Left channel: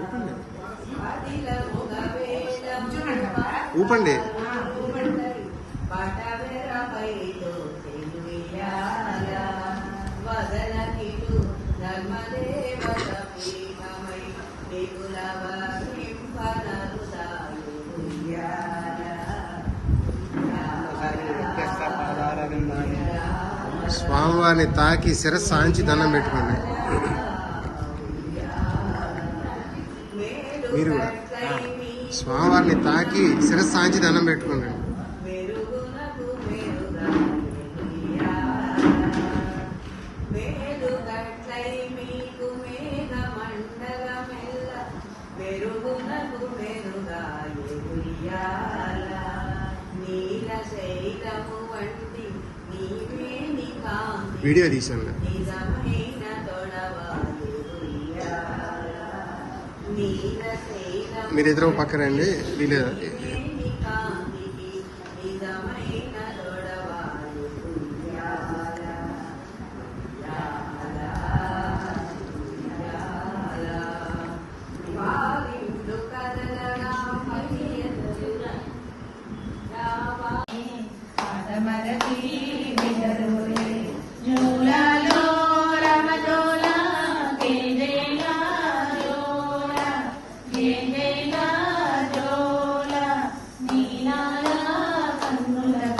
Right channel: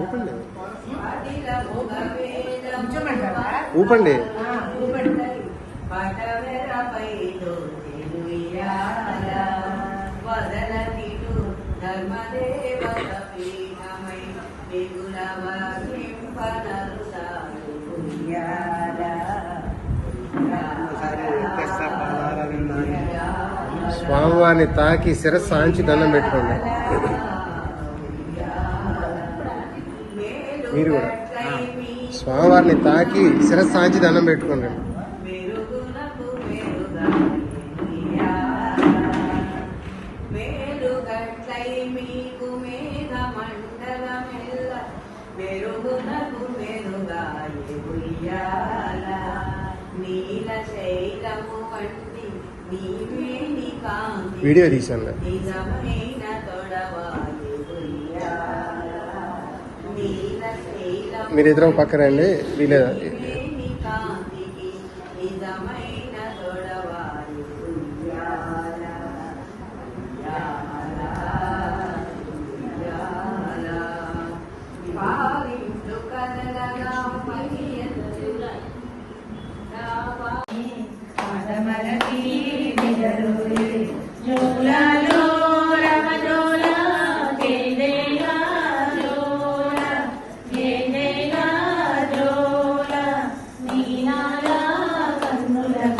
ఊపండి ఉంచమంటావా ఊపండి ఆ, ఊపండి. స్వామివారిని తాకి శిరస్సు సాంచి దండం పెట్టుకోండి మీరు కూడా. స్వామివారిని తాకి శిరస్సాంచి దండం పెట్టుకోండి. వీడియో తీసాను మీరు ఇద్దరు పక్కరండి వీళ్ళ mulher